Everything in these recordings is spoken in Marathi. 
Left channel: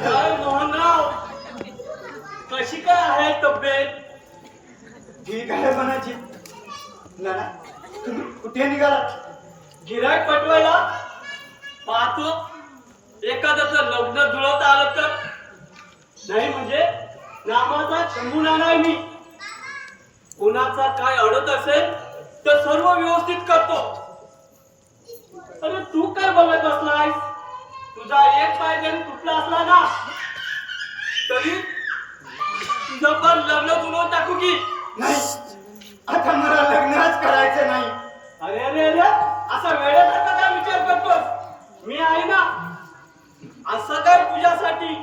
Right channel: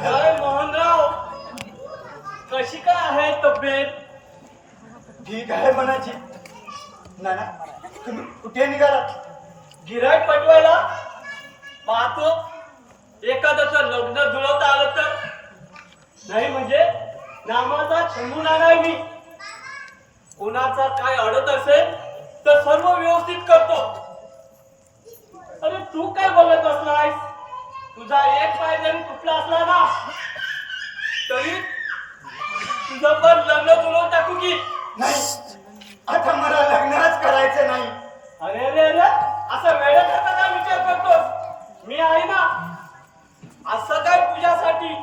काय मोहनराव, कशी काय आहे तब्येत? ठीक आहे म्हणायची. नाना, तुम्ही कुठे निघालात? गिऱ्हाईक पटवायला. पाहतो एखाद्याचं लग्न जुळवता आलं तर. नाही म्हणजे नामाचा शंभू नाना आहे मी. कुणाचा काय अडत असेल तर सर्व व्यवस्थित करतो. अरे तू काय बघत बसलायस? तुझा एक पाय जरी तुटला असला ना तरी तुझं पण लग्न जुळवून टाकू की. नाही, आता मला लग्नच करायचं नाही. अरे अरे अरे, असा वेड्यासारखा काय विचार करतोस? मी आहे ना. असं काय तुझ्यासाठी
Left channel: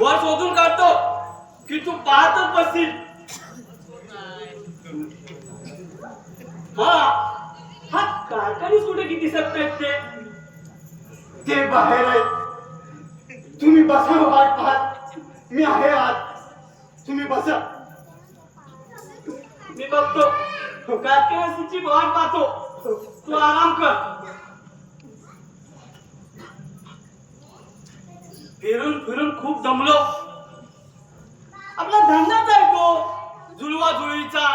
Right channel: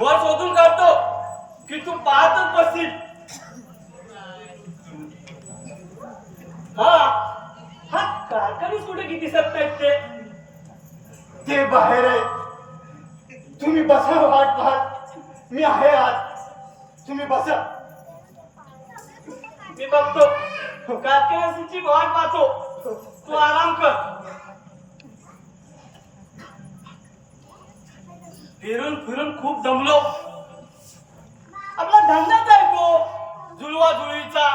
वर शोधून काढतो की तू पाहतच बसशील. हा हा कारखानीच कुठे किती दिसत नाहीत ते बाहेर आहे. तुम्ही बसा, वाट पाहत. मी आहे आज. तुम्ही बसा. मी बघतो कारखान्याची वाट पाहतो. तू आराम कर. फिरून फिरून खूप दमलो. आपला धंदाच आहे तो जुळवा जुळीचा.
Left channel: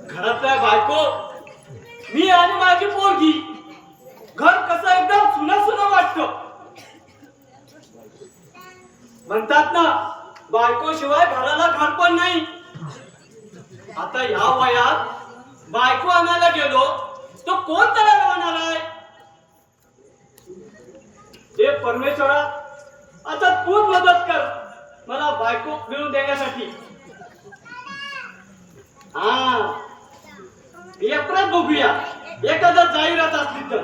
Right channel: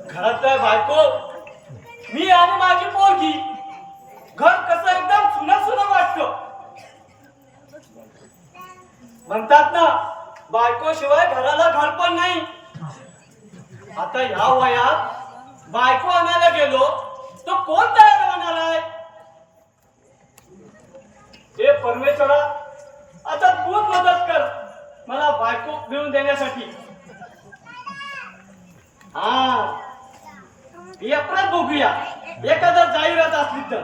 घरात काय बायको, मी आणि माझी पोरगी. घर कसं एकदम सुना सुना वाटतं. म्हणतात ना, बायको शिवाय घराला घर पण नाही. आता या वयात बायको आणायला गेलो तर कोण तयार होणार आहे? हे परमेश्वरा, आता तूच मदत कर मला बायको मिळवून देण्यासाठी. हा, यात्रात बघूया एखादा जाहिरात असली तर.